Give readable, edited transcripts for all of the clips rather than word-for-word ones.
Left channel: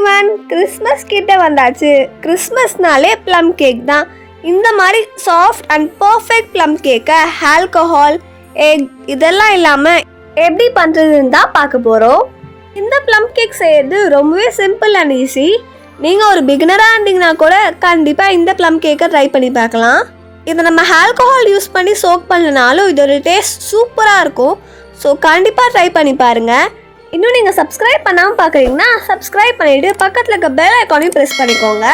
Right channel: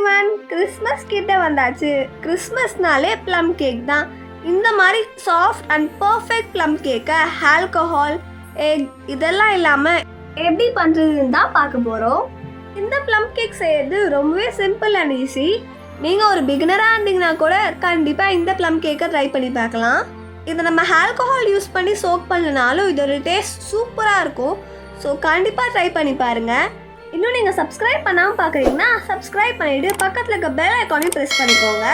Everyone, Christmas கிட்ட வந்தாச்சு. கிறிஸ்மஸ்னாலே plum cake தான். இந்த மாதிரி சாஃப்ட் அண்ட் பர்ஃபெக்ட் ப்ளம் கேக்கை ஆல்கஹால், எக் இதெல்லாம் இல்லாமல் எப்படி பண்ணுறதுன்னு தான் பார்க்க போகிறோம். இந்த ப்ளம் கேக் செய்யறது ரொம்பவே சிம்பிள் அண்ட் ஈஸி. நீங்கள் ஒரு பிகினராக இருந்தீங்கன்னா கூட கண்டிப்பாக இந்த ப்ளம் கேக்கை ட்ரை பண்ணி பார்க்கலாம். இதை நம்ம ஆல்கஹால் யூஸ் பண்ணி சோக் பண்ணனாலும் இதோட டேஸ்ட் சூப்பராக இருக்கும். ஸோ கண்டிப்பாக ட்ரை பண்ணி பாருங்கள். இன்னும் நீங்கள் சப்ஸ்கிரைப் பண்ணாமல் பார்க்குறீங்கன்னா சப்ஸ்கிரைப் பண்ணிவிட்டு பக்கத்தில் இருக்க பெல் ஐக்கானையும் ப்ரெஸ் பண்ணிக்கோங்க.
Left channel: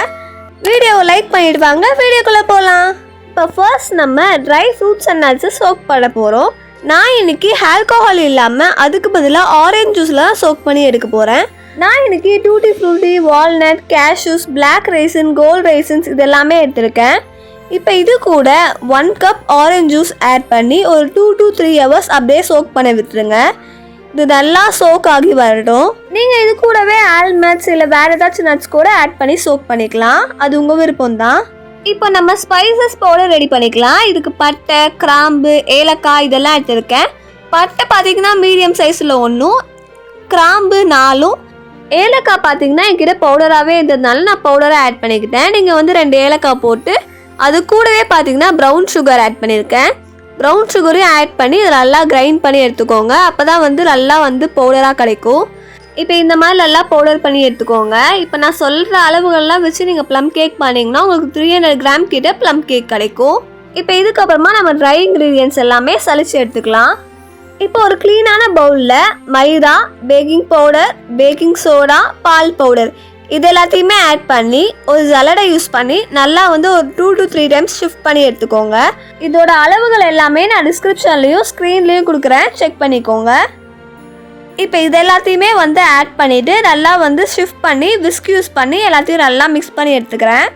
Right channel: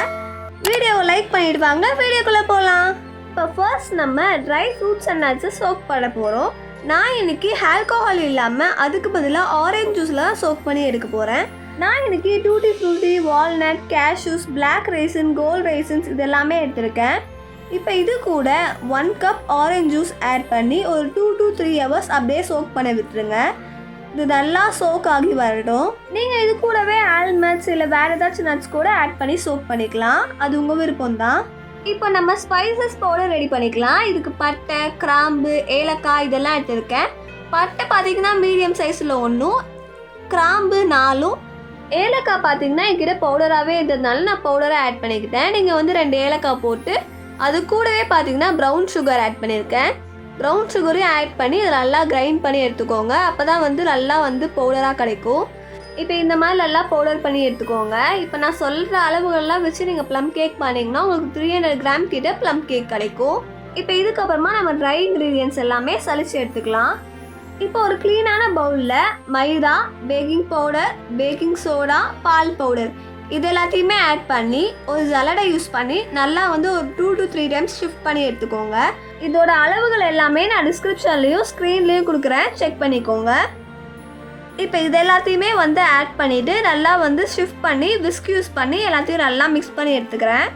வீடியோவை லைக் பண்ணிவிட்டு வாங்க வீடியோக்குள்ளே போகலாம். இப்போ ஃபர்ஸ்ட் நம்ம ட்ரை ஃப்ரூட்ஸ் அண்ட் நட்ஸை சோக் பண்ண போகிறோம். நான் இன்னைக்கு ஆல்கஹால் இல்லாமல் அதுக்கு பதிலாக ஆரஞ்ச் ஜூஸில் தான் சோக் பண்ணி எடுக்க போகிறேன். நான் இன்னைக்கு tutti frutti, walnut, cashews, black raisin, gold raisins இதெல்லாமே எடுத்திருக்கேன். இப்போ இது கூட 1 கப் ஆரஞ்ச் ஜூஸ் ஆட் பண்ணி ஒரு 2 to 3 hours அப்படியே சோக் பண்ண விட்டுருங்க. இது நல்லா சோக் ஆகி வரட்டும். நீங்கள் இது கூடவே ஆல்மண்ட்ஸ் இல்லை வேறு ஏதாச்சும் நட்ஸ் கூட ஆட் பண்ணி சோக் பண்ணிக்கலாம். அது உங்கள் விருப்பம் தான். இப்போ நம்ம ஸ்பைசஸ் பவுடர் ரெடி பண்ணிக்கலாம். இதுக்கு பட்டை, கிராம்பு, ஏலக்காய் இதெல்லாம் எடுத்துருக்கேன். பட்டை பார்த்தீங்கன்னா மீடியம் சைஸில் 1, கிராம்பு 4, ஏலக்காய் பார்த்தீங்கன்னா என்கிட்ட பவுடராகவே இருந்ததுனால நான் பவுடராக ஆட் பண்ணிக்கிட்டேன். நீங்கள் வந்து 2 ஏலக்காய் போட்டு அது கூடவே பார்த்தீங்கன்னா ப்ரௌன் சுகர் ஆட் பண்ணியிருக்கேன். ப்ரௌன் சுகரையும் ஆட் பண்ணி இதை நல்லா கிரைண்ட் பண்ணி எடுத்துக்கோங்க. அப்போ தான் வந்து நல்லா வந்து பவுடராக கிடைக்கும். இப்போ இந்த மாதிரி நல்லா பவுடர் பண்ணி எடுத்துக்கோங்க. இப்போ நான் சொல்கிற அளவுகள்லாம் வச்சு நீங்கள் ப்ளம் கேக் பண்ணிங்கன்னா உங்களுக்கு 300 கிராம் கிட்ட ப்ளம் கேக் கிடைக்கும். இப்போ இதுக்கப்புறமா நம்ம ட்ரை இன்க்ரீடியன்ட்ஸ் எல்லாமே சலிச்சு எடுத்துக்கலாம். இப்போ ஒரு க்ளீனான பவுலில் மைதா, பேக்கிங் பவுடர், பேக்கிங் சோடா, பால் பவுடர் இது எல்லாத்தையுமே ஆட் பண்ணி ஒரு ஜலடை யூஸ் பண்ணி நல்லா வந்து ஒரு 2 to 3 டைம்ஸ் ஷிஃப்ட் பண்ணி எடுத்துக்கோங்க. இதோட அளவுகள் எல்லாமே நான் டிஸ்கிரிப்ஷன்லேயும் ஸ்க்ரீன்லேயும் கொடுக்குறேன், செக் பண்ணிக்கோங்க. இப்போ இது எல்லாத்தையுமே வந்து ஆட் பண்ணிவிட்டு நல்லா வந்து ஷிஃப்ட் பண்ணி விஸ்க் யூஸ் பண்ணி எல்லாத்தையும் நல்லா மிக்ஸ் பண்ணி எடுத்துக்கிறேன்.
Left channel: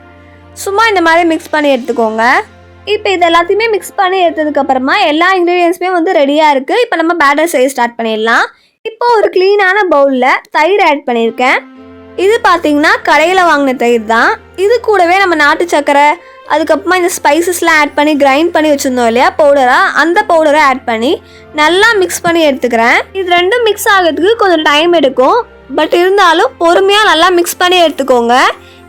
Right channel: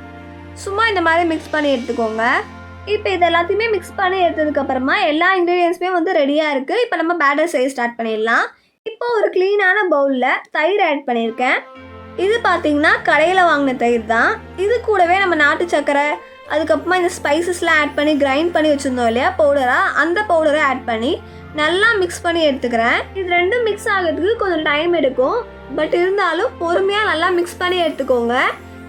சும்மா இந்த மாதிரி மிக்ஸ் பண்ணி எடுத்துக்கோங்க. இப்போ இது எல்லாத்தையுமே மிக்ஸ் பண்ணி எடுத்ததுக்கப்புறமா எல்லா இன்க்ரீடியன்ஸுமே வந்து ரெடியாக இருக்குது. இப்போ நம்ம பேட்டர் செய்ய ஸ்டார்ட் பண்ணிடலாம். இப்போ ஒரு க்ளீனான பவுலில் தயிர் ஆட் பண்ணியிருக்கேன். இது பார்த்தீங்கன்னா கடையில் வாங்கின தயிர் தான். இது கூடவே நம்ம நாட்டு சக்கரை, அதுக்கப்புறமா இந்த ஸ்பைசஸ்லாம் ஆட் பண்ணி கிரைண்ட் பண்ணி வச்சுருந்தோம் இல்லையா பவுடராக, அந்த பவுடரை ஆட் பண்ணி நல்லா மிக்ஸ் பண்ணி எடுத்துக்கிறேன். இது ரெண்டும் மிக்ஸ் ஆகிறதுக்கு கொஞ்சம் டைம் எடுக்கும். பட் இருந்தாலும் பொறுமையாக நல்லா மிக்ஸ் பண்ணி எடுத்துக்கோங்க.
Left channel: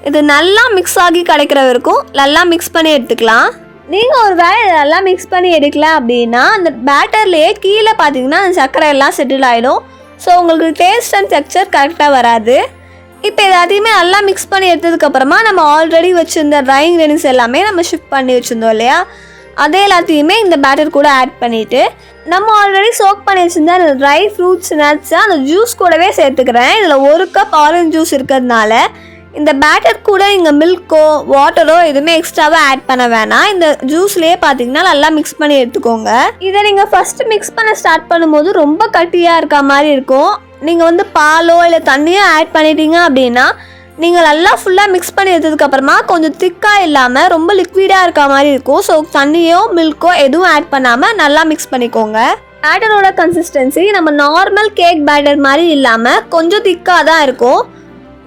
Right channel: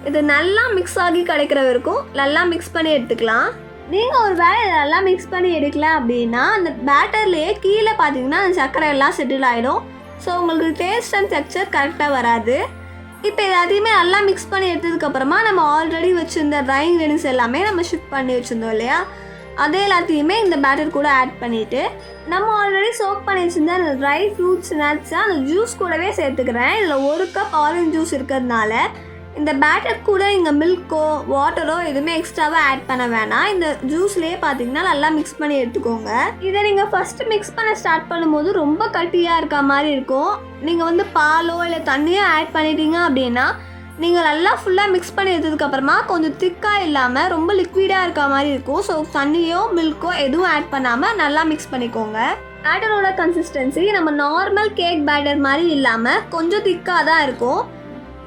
இது நல்லா மிக்ஸ் ஆகி கிடைக்கிற வரைக்கும் நல்லா மிக்ஸ் பண்ணி எடுத்துக்கலாம். நீங்கள் ஒரு வேளை இதெல்லாம் மிக்ஸ் பண்ணி எடுக்கல அப்படின்னா அந்த பேட்டர்லேயே கீழே பார்த்தீங்கன்னா அந்த சர்க்கரை எல்லாம் செட்டில் ஆகிடும். ஸோ உங்களுக்கு டேஸ்ட் அண்ட் டெக்ஸ்சர் கரெக்டாக வராது. இப்போ எல்லாத்தையுமே நல்லா மிக்ஸ் பண்ணி எடுத்ததுக்கப்புறமா நம்ம ஆல்ரெடி வச்சுருந்த ட்ரை இன்க்ரீடியன்ஸ் எல்லாமே நம்ம ஷிஃப்ட் பண்ணி வச்சுருந்தோம் இல்லையா, அதே எல்லாத்தையுமே இந்த பேட்டர் கூட ஆட் பண்ணிவிட்டு நம்ம ஆல்ரெடி சோக் பண்ணி வச்சுருந்த அந்த ட்ரை ஃப்ரூட்ஸ் நட்ஸை அந்த ஜூஸ் கூடவே சேர்த்துக்கிறேன். இதில் 1 கப் ஆரஞ்ச் ஜூஸ் இருக்கிறதுனால இந்த பேட்டர் கூட இங்கே மில்க்கோ வாட்டரோ எதுவுமே எக்ஸ்ட்ராவாக ஆட் பண்ண வேணாம். இந்த ஜூஸ்லேயே பார்த்தீங்கன்னா நல்லா மிக்ஸ் பண்ணி எடுத்துக்கோங்க. இதை நீங்கள் ஃபஸ்ட்டு மிக்ஸ் பண்ண ஸ்டார்ட் பண்ணும்போது ரொம்ப கட்டியாக இருக்க மாதிரி இருக்கும். நீங்கள் வந்து பாலோ இல்லை தண்ணியோ ஆட் பண்ணிட்டீங்க அப்படின்னா நீங்கள் நல்லா ஃபுல்லாக மிக்ஸ் பண்ணி எடுத்ததுக்கப்புறமா கொஞ்சம் திக்காக இல்லாமல் ரொம்ப லிக்விடாக இருக்க மாதிரி இருக்கும். ஸோ தண்ணியோ மில்க்கோ எதுவும் ஆட் பண்ணாமல் நல்லா மிக்ஸ் பண்ணிக்கோங்க. பேட்டரோட கன்சிஸ்டன்சி நம்ம நார்மல் கேக் பேட்டர் மாதிரி இல்லாமல் கொஞ்சம் திக்காக தான் இருக்கும்.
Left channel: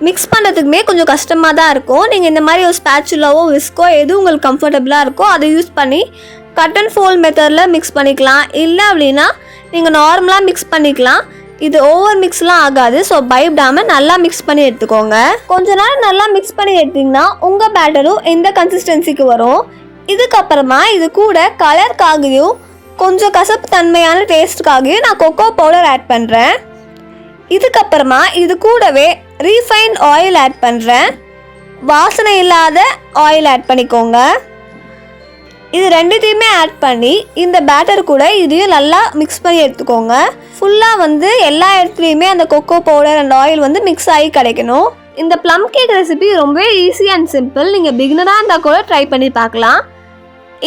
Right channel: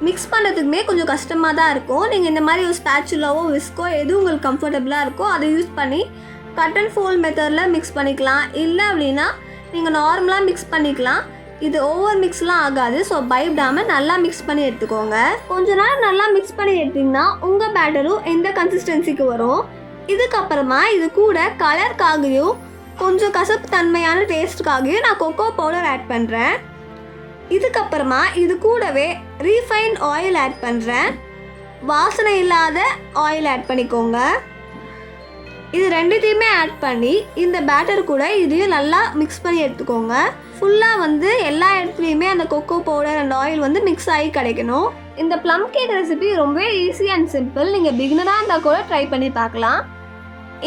மிக்ஸ் பண்ணுறதுக்குமே கொஞ்சம் கஷ்டமாக தான் இருக்கும். நீங்கள் இந்த மாதிரி ஒரு ஸ்பேச்சுலாவோ விஸ்கோ எது உங்களுக்கு கம்ஃபர்டபுளாக இருக்கோ அதை யூஸ் பண்ணி கட் அண்ட் ஃபோல்ட் மெத்தடில் மிக்ஸ் பண்ணிக்கலாம். இல்லை அப்படின்னா நீங்கள் நார்மலாக மிக்ஸ் பண்ணிக்கலாம். இது ஓவர் மிக்ஸ்லாம் ஆகாது. ஸோ பயப்படாமல் நல்லா மிக்ஸ் பண்ணி எடுத்துக்கோங்க. கொஞ்ச நேரம் நல்லா மிக்ஸ் பண்ணி எடுத்திங்கன்னா உங்கள் பேட்டரும் எந்த கன்சிஸ்டன்சிக்கு வரும். இதுக்கப்புறமா இது கூட கலருக்காகவும் கொஞ்சம் கசப்பு தன்மையான டேஸ்ட்டுக்காகவும் நான் கொக்கோ பவுடர் ஆட் பண்ணுறேன். இதுக்கப்புறமா இது கூடவே ரீஃபைண்ட் ஆயில் ஆட் பண்ணுறேன். வாசனை இல்லாத ஆயில் ஆட் பண்ணிக்கோங்க. இது ரெண்டுத்தையுமே ஆட் பண்ணி இந்த பேட்டர் கூட இதையும் நல்லா மிக்ஸ் பண்ணி எடுத்துக்கோங்க. ஃபுல்லாக வந்து எல்லா இடத்துலையுமே அந்த கொக்கோ பவுடர் அண்ட் ஆயில் வந்து மிக்ஸ் ஆகி கிடைக்கணும். இந்த ப்ளம் கேக் ரெசிபி ரொம்பவே ஈஸி அண்ட் சிம்பிள். நீங்கள் பிகினராக இருந்தால் கூட ட்ரை பண்ணி பார்க்கலாம்.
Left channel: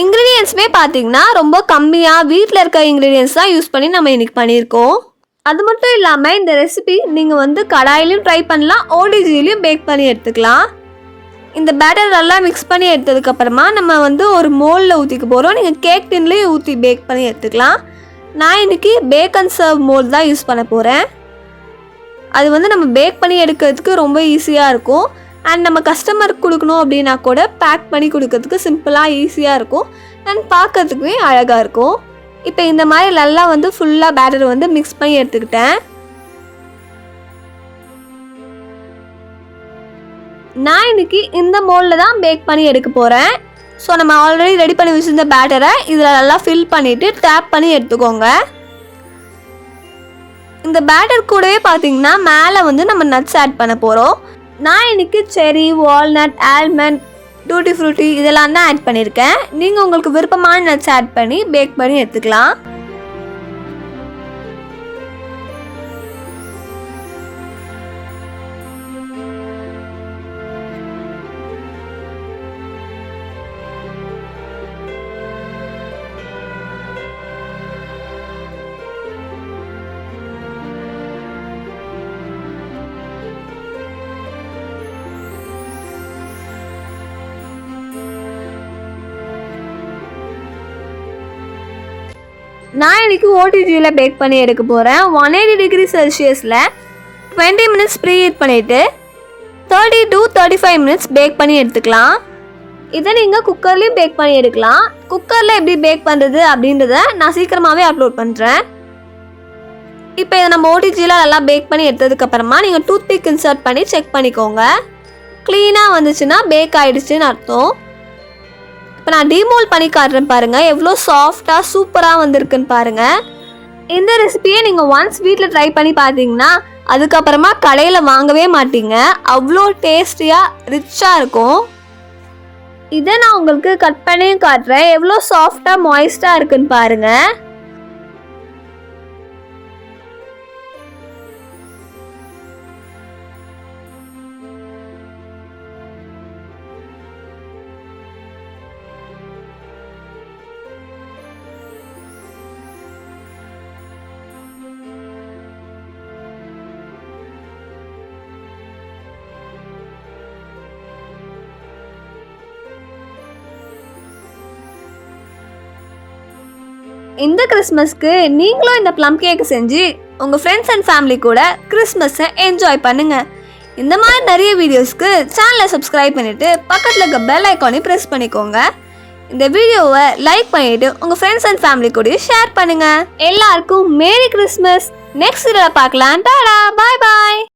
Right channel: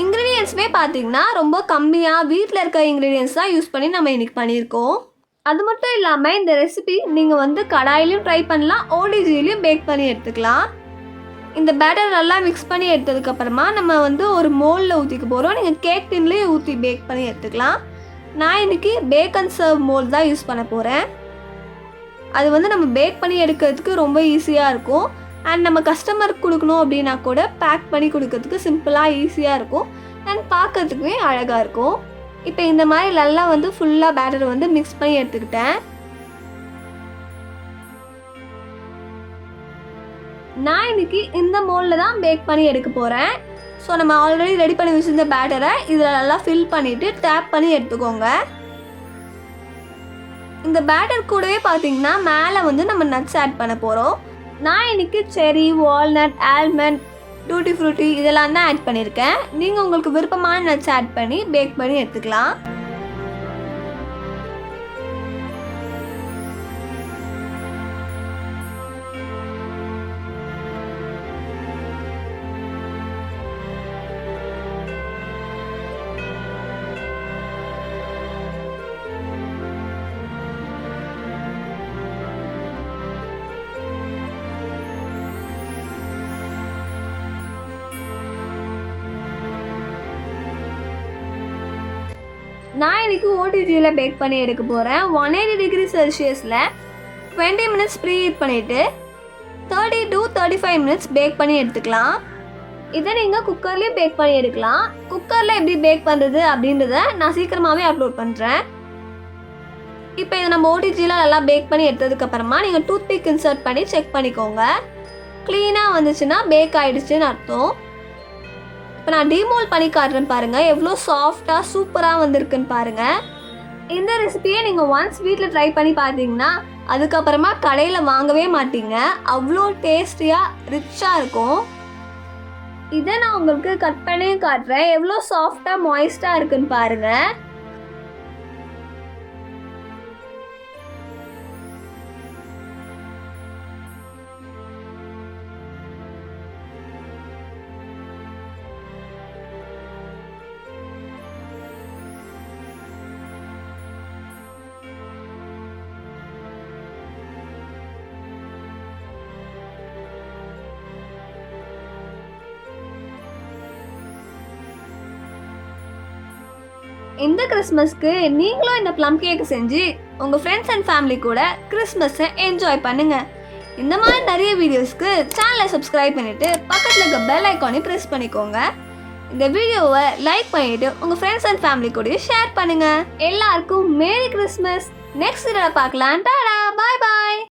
இன்க்ரீடியன்ஸுமே பார்த்தீங்கன்னா ரொம்ப கம்மியாக வீட்டில் இருக்க இன்க்ரீடியன்ஸ் தான் யூஸ் பண்ணி நம்ம இன்றைக்கி பண்ணியிருக்கோம். அது மட்டும் இல்லாமல் இந்த ரெசிபி நீங்கள் வந்து கடாயிலையும் ட்ரை பண்ணலாம், ஓடிஜிலையும் பேக் பண்ணி எடுத்துக்கலாம். இந்த பேட்டர் நல்லா மிக்ஸ் பண்ணி எடுத்ததுக்கப்புறமா நம்ம வந்து ஒரு மோல்டில் ஊற்றிக்க போகிறோம். நீங்கள் கேக் டின்லேயும் ஊற்றி பேக் பண்ணி எடுத்துக்கலாம். நான் இன்றைக்கி பேக் அண்ட் சர்வ் மோல்ட் தான் யூஸ் பண்ண போகிறேன். அது வந்து நம்ம பேக் பண்ணி எடுக்கிறதுக்கு ரொம்ப ஈஸியாக இருக்கும். அண்ட் நம்ம கஸ்டமருக்கு கொடுக்கணும் அப்படின்னா கூட பேக் பண்ணி கொடுக்கறதுக்கு சிம்பிளாக ஈஸியாக இருக்கும். அண்ட் பார்க்கறதுக்குமே அழகாக இருக்கும். இப்போ இந்த மாதிரி நல்லா வந்து ஃபுல்லாக பேட்டர் வந்து மிக்ஸ் பண்ணி எடுத்துக்கிட்டேன். நான் இன்னைக்கு இந்த மோல்டில் தான் பேக் பண்ணி எடுக்க போகிறேன். ஸோ நம்ம ஆல்ரெடி ரெடி பண்ணி வச்சுருந்த பேட்டரை இதில் நல்லா ஃபில் பண்ணிவிட்டு டேப் பண்ணி எடுத்துக்கோங்க. இந்த பேட்டர் கூடவே பார்த்தீங்கன்னா மேலே வந்து நம்ம நட்ஸ் ஆட் பண்ண போகிறோம். நான் இன்னைக்கு செரி, வால்நட், ஆல்மண்ட், டூட்டி ஃப்ரூட்டி இதெல்லாம் தான் ஆட் பண்ணியிருக்கேன். நீங்கள் உங்களுக்கு விருப்பமான நட்ஸ் ஆட் பண்ணி பேக் பண்ணி எடுத்துக்கலாம். நான் இன்னைக்கு ஓடிஜியில் பேக் பண்ணி எடுக்க போகிறேன். 180 டிகிரி செல்சியஸில் 20 மினிட்ஸ் ப்ரீ ஹீட் பண்ணிவிட்டு 30 to 35 மினிட்ஸ் பேக் பண்ணி எடுத்துக்கலாம். இதை நீங்கள் குக்கர்லேயும் பேக் பண்ணி எடுக்கலாம். குக்கரில் எப்படி பேக் பண்ணுறது அப்படின்றத நான் சீக்கிரமாகவே அப்லோட் பண்ணுறேன். இப்போ இதை நம்ம ஓடிஜியில் நல்லா பேக் பண்ணி எடுத்ததுக்கப்புறமா நீங்கள் டூத் பிக் இன்சர்ட் பண்ணி செக் பண்ணிக்கோங்க. க்ளீனாக வந்துச்சுன்னா பேக் ஆகிடுச்சுன்னு அர்த்தம். இப்போ நான் டீமோல்ட் பண்ணி காட்டுறேன் பாருங்கள், எவ்வளோ சாஃப்டாக சூப்பராக வந்திருக்குன்னு பாருங்கள். இந்த ரெசிபியை நீங்கள் ஒன்ஸ் வீட்டில் ட்ரை பண்ணி பார்த்தீங்கன்னா அதுக்கப்புறமா கடையில் வாங்கவே மாட்டீங்க. அவ்வளோ டேஸ்டியாக ரிச்சாக இருக்கும். இதை நான் உங்களுக்கு கட் பண்ணியும் காட்டுறேன், எவ்வளோ சாஃப்டாக மாய்ஸ்டாக இருக்குன்னு பாருங்கள். இந்த கிறிஸ்மஸ்க்கு நீங்களும் இந்த ப்ளம் கேக் செஞ்சு உங்கள் ஃப்ரெண்ட்ஸ் அண்ட் ஃபேமிலி கூட கிறிஸ்மஸை என்ஜாய் பண்ணுங்கள். இந்த மாதிரி நிறைய வீடியோஸ்க்கு சேனலை சப்ஸ்கிரைப் பண்ணிவிட்டு பக்கத்தில் இருக்க பெல் ஐக்கானை ப்ரெஸ் பண்ணிக்கோங்க. இந்த வீடியோவை லைக் பண்ணிவிட்டு உங்கள் ஃப்ரெண்ட்ஸ் அண்ட் ஃபேமிலி கூட ஷேர் பண்ணுங்கள். எல்லாருக்கும் மேரி கிறிஸ்மஸ். நெக்ஸ்ட் வீடியோவில் பார்க்கலாம். டாடா, பாய் பாய்.